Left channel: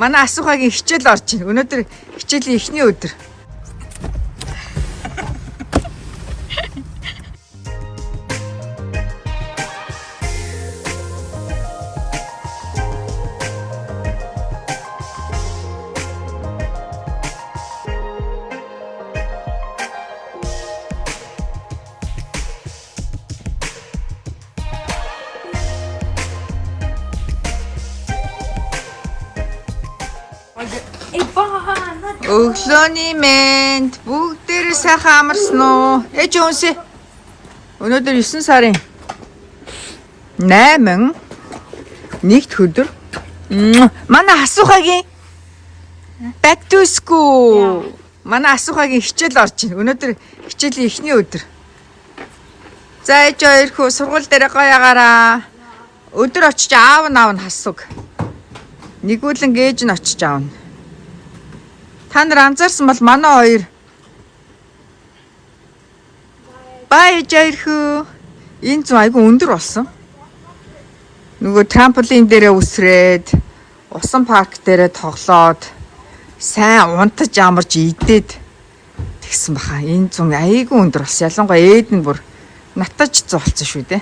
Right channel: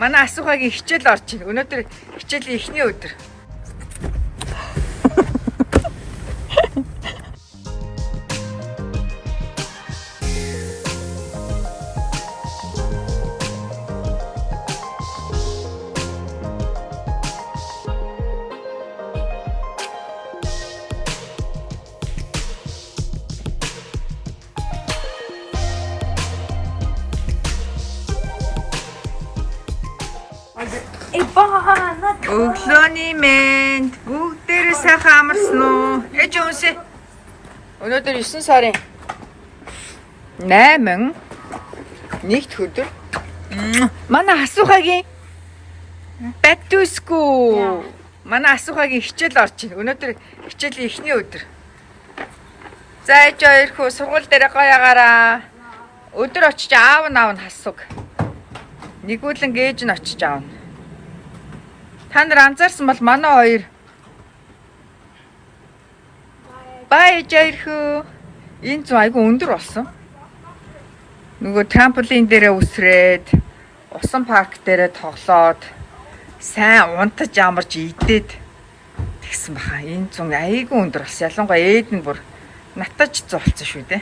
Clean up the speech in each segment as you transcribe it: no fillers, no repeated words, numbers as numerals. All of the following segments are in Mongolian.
Манай асуухагийн хичээл орж байна. Өнөөдөр хичээлийн эхний өдөр. Өглөөний мэнд бүгдээрээ сайхан амарсан уу? Ээж өнсөө. Өнөөдөр 9 сарын 8 нэгд өдөр. Манай асуухагийн back to school. Манай асуухагийн хичээл орж байна. Өнөөдөр хичээлийн эхний өдөр. За ээж хоёрхөө сургууль дээр гоёгаараа. Өдөр очиж аав нь хасуг. Нэгүүлэн ээж нь очиж аавна. Та нар анзаарсан бол манай хоёр баяжирхүү энэ зүүн айгу өндөр болсон. Нөгөө трамполин дээрээ үсрээд усан парк дээрээ тоглоод сайн унтаж амарч идээд тэгсэн баха. Энэ зүүн айгу өндөр болсон. Ялангуяа ээд нь бүр натаж зуулсан шүү дээ.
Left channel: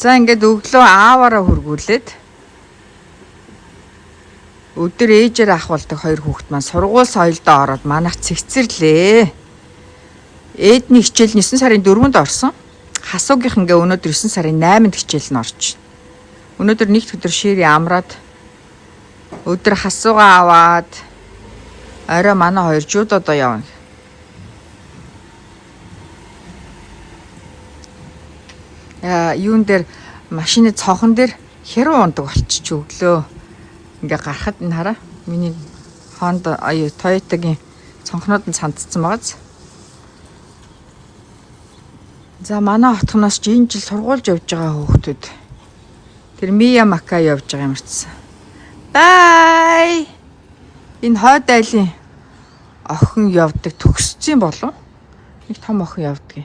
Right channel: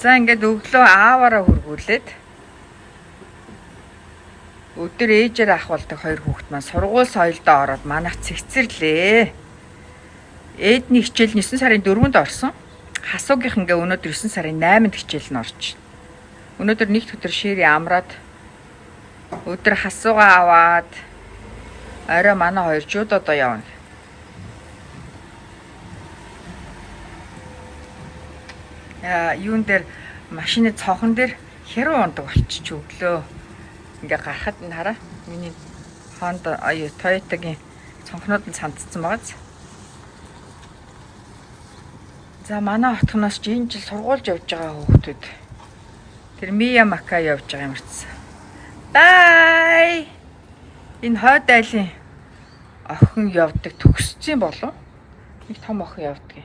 За ингээд өглөө ааваараа хөргүүлээд өдөр ээжээр ахвалдаг хоёр хүүхэд маань сургууль соёлдоо ороод манайх цэгцэрлээ. Ээдний хичээл 9 сарын 4-нд орсон. Хасуугийнх ингээ өнөөдөр 9 сарын 8-нд хичээл нь орж. Өнөөдөр нэгд өдөр шири амраад өдөр хасуугаа аваад орой манай хоёр жудодоо явна. Юун дээр машины цонхон дээр хэрүү ундаг болчих өглөө. Ингээ гарахад нь хараа. Миний Honda Toyota-гийн цонхнууд нь сандцсан байгааз. За манай хотгоноос ч энэ жил сургуульд явж байгаа хүүхдүүд. Тэр Мия Мака явж байгаа юм чи. Бай. Энэ хойд айлын охин явдаг төгссөн болов? Нэг том охин явдаг.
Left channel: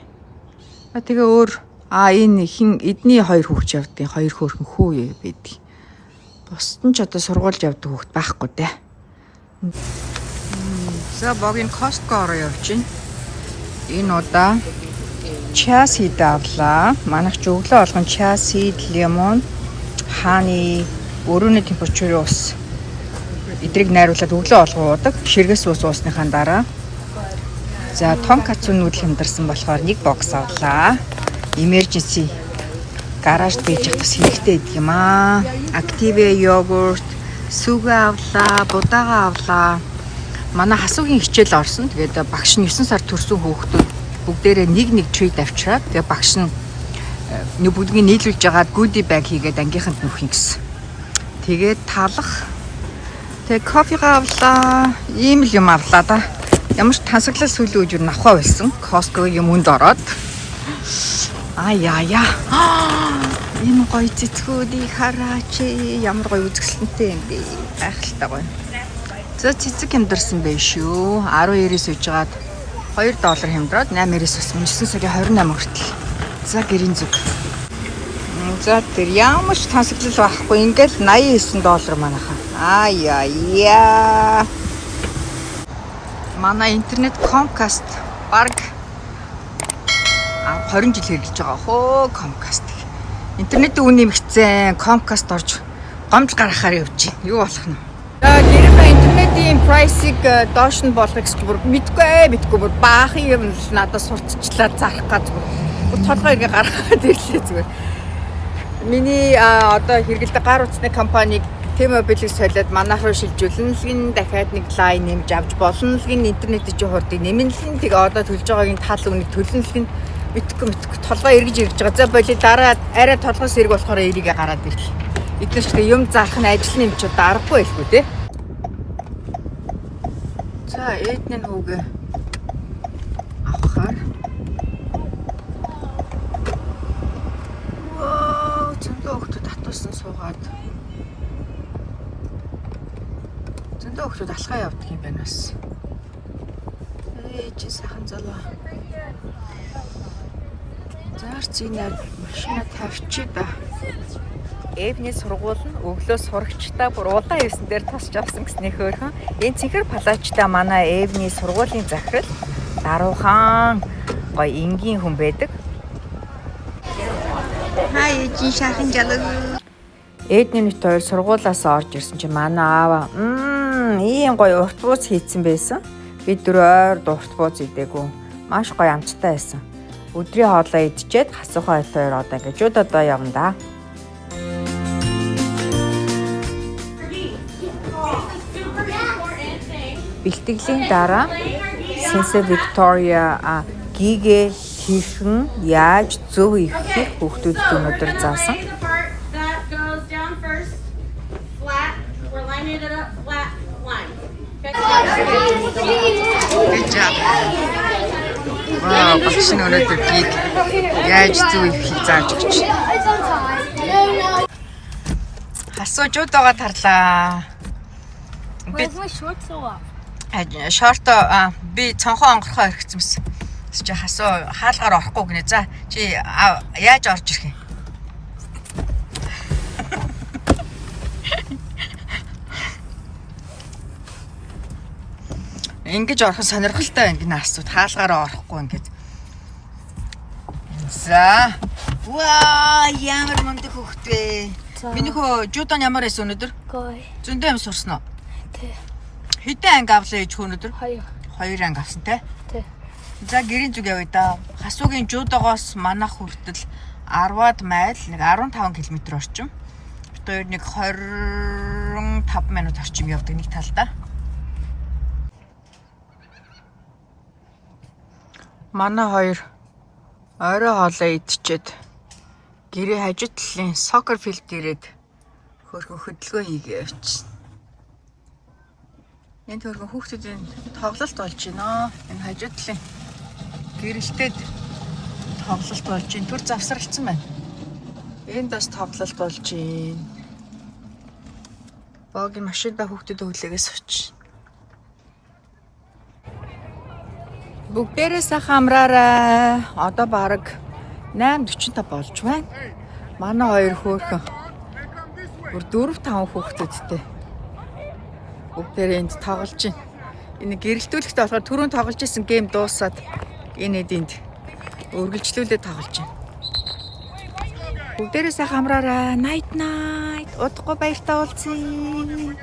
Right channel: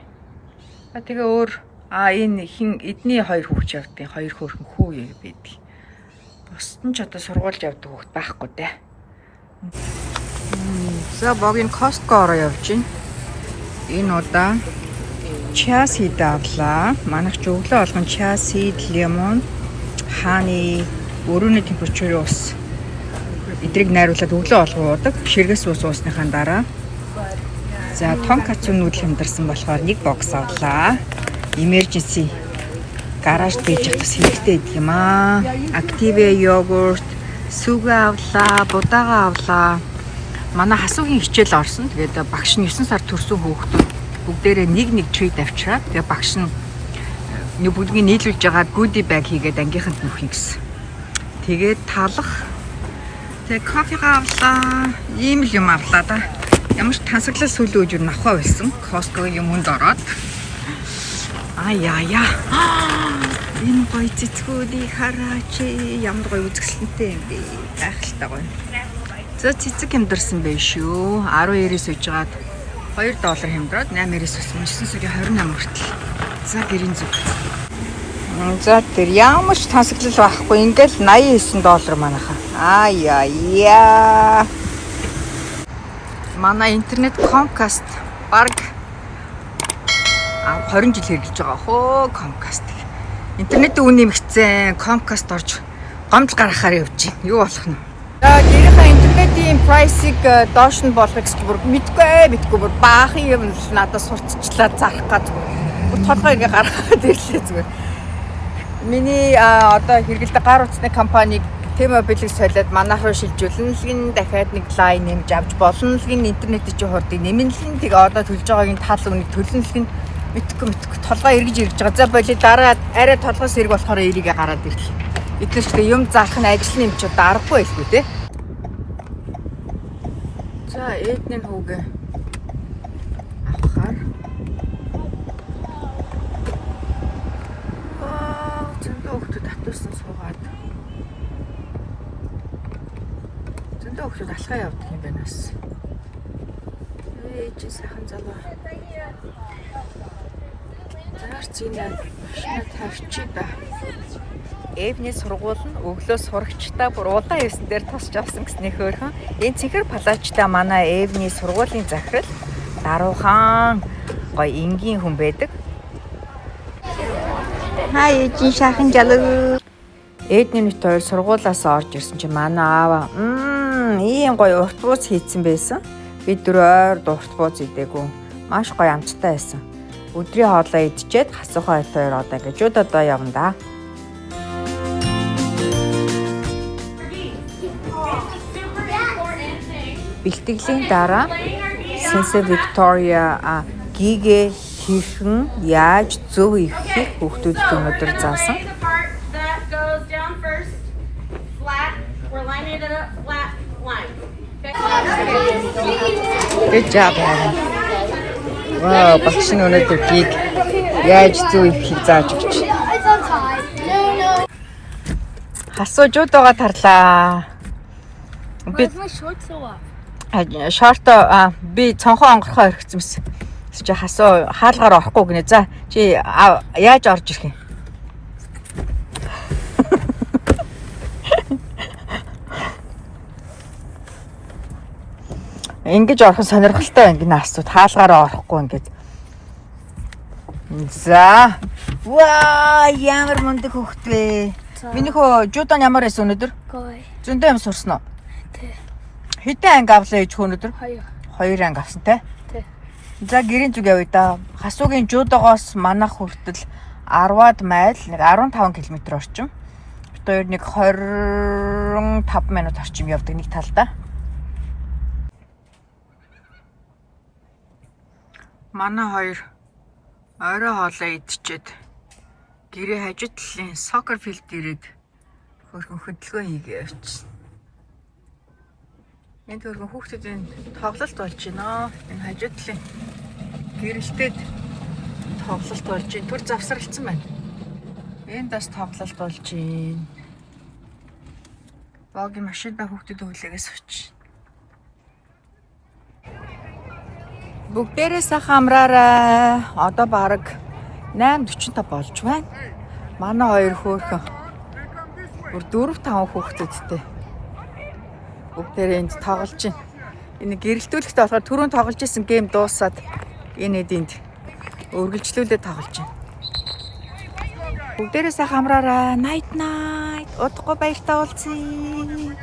Тэгээ өөр энэ хин эдний хоёр хүүхд явдаг. Хоёр хөөрхөн хүү байдаг. Бусд нь ч одоо сургуульд явдаг хүүхд байхгүй дээ. За богийн Costco руу явж байна. Энэ удаа chia seed авлаа. Манайх ч өглөө болгон chia seed, lemon, honey, өрөөний температурын ус эдрийг найруулад өглөө болгон уудаг. Ширгэс ус уусныхаа дараа. За тонкацу нүүдэл хямдарсан болохоор нэг бокс авлаа. Emergency гаражд бийж явах бас хэрэгтэй гэдэг юм аа. Active йогурт, сүгэ авлаа, будаага авлаа. Манай хасуугийн хичээл орсон. Тэгээд багш нь 9 сар төрсөн хүүхдүүд бүгдээрээ нэг treat авчираад тэгээд багш нь бүгднийг нийлүүлж ягаад goodie bag хийгээд ангийнханд нөхөн гэсэн. Тэгээд талах. Тэгээд кофе авлаа. Ийм л юм авлаа да. Ямар ч тансаглал сүлээ үжир навхаа байсан. Costco-гийн юмд ороод. Яа. Энэ гоё цэцгүүдийг хараач. Ямар гоё үзэсгэлэнтэй юм бэ. Гайхалтай гоё. За цэцэг хямдарсан байж шүү. 12-ээс үйжгаад $2 хямдраад 8-ээс ус 9 сарын 28 хүртэл. За гэрийн зүг. За тэр ямар ч тансаглал байхгүй. Ингээл $89 манайхаа. Яа. Манай интернет Comcast баг 20 жил хэрэгжилж байгаа хөө Comcast. Интернетийн үн нэмэгцэн Comcast орж гомж гаргахаар явж байна. Юу болох нь? За гэрийнхээ интернетийн прайсыг доош нь болгох гэж бүр мэдгүй бүр баахан юм л надад сурталчлаа зарах га зүгээр. Бүр толгой иргэ гаргаад ирлээ зүгээр. Миний одоо хэрэгэлдэг гар утасны компаниг T-Mobile-ийг солиод манайх руу шилжүүлэн л гин дахиад нэг лайн нэмж авч болно л гин интернетийн чи хурдыг нэмэн л гин тэгээ одоо төлж байгаагийн тал үнийг төлөн л гин мэдгүй толгой эргэж ирж байгаа. За боли дараа арай толгоос эрг болохоор эрийгээ гараад ирлээ. Эдгээр ч тэгээ юм зарах нь ажил нэмч удаа аргагүй байлгүй те. За ээдний хүүгээ авахаар. Зөндөө хөлтөд татуулсан суугаад. Зөндөө хөлтөд алхаа явдаг юм байна бас. Ээж сайхан залуу. Заарч ийн машина тавьчих да. Эвний сургууль нь өглөө сурагчтай бүр улаан евсэн дээр тосч авсан гэснээ хөөрхөн. Энэ цэнхэр палачтай манай Эвний сургуулийн захирал даруухан гоё энгийн хүн байдаг. Хай эжин шахан жалуу. Эдний нүт хоёр сургуулаас орж ирсэн чинь манай аава ийм гоё урт бууз хийцэн байсан. Бид дөрөөр урт бууз идээгүй. Маш гоё амттай байсан. Өдрийн хоолоо идчихэд хасуухай хоёр одоо ингээд жуудаа явна да. Бэлтгэлийн дараа Сенсе Виктория гигэ хийхэн яаж зөв ихийг хүүхдүүдэд өнөөдөр заасан. Good job. Wow, багш нь өнөөдөр гиг яаж зөв ихийг зааж өгч. Хасуужуудаа тарлаа. Би шорт би цонхоо онгорхоо орхицсан байсан. Чи хасуу хаалгаар орохгүй гинэ. За чи яаж орж ирэх юм? Ингэж орох сонирхолтой ингэнэ асууд хаалгаараа орохгүй ингэж. За. Ваа, ямар мундаг хөхтэй. Миний хөө жудан ямар байсан өнөөдөр? Гой. Зөндөө юм сурсан уу? Тэ. Хэдэн анги авлаа ээж өнөөдөр? 2. 2 анги авсан те? Тэ. За гэрийн зүг явъя да. Хасуугийн жуудагоос манах хүртэл 10-аад майл нэг 15 км орчим. Тэр нэг 25 минут орчим явдаг нэг талдаа. Манай хоёр орой хоолоо идчихэд гэрээ хажуу талын сокер филд ирээд хөрхөн хөдөлгөөн хийгээ явчихсан. Энд хөрхөн хүүхдүүдийн тоглолт болж байна. Энэ хажуу талын гэрэлтээд тоглолт болж байна. Түр завсралцсан байна. Энд бас тоглолт болж байна. Богийн машинда хүүхдүүд хүлээгээс очив. Бүгдээрээ сайхан амраарай. Одоо бараг 8:45 болж байна. Манай хоёр хөөхөн. Бүр 4-5 хүүхдүүдтэй. Бүгдээрээ энд тоглож байна. Энэ гэрэлтүүлэхтэй болохоор түрүүн тоглож исэн гейм дуусаад энэ энд үргэлжлүүлээд тоглож байна. Бүгдээрээ сайхан амраарай. Night night. Удахгүй баяртай уулзъя.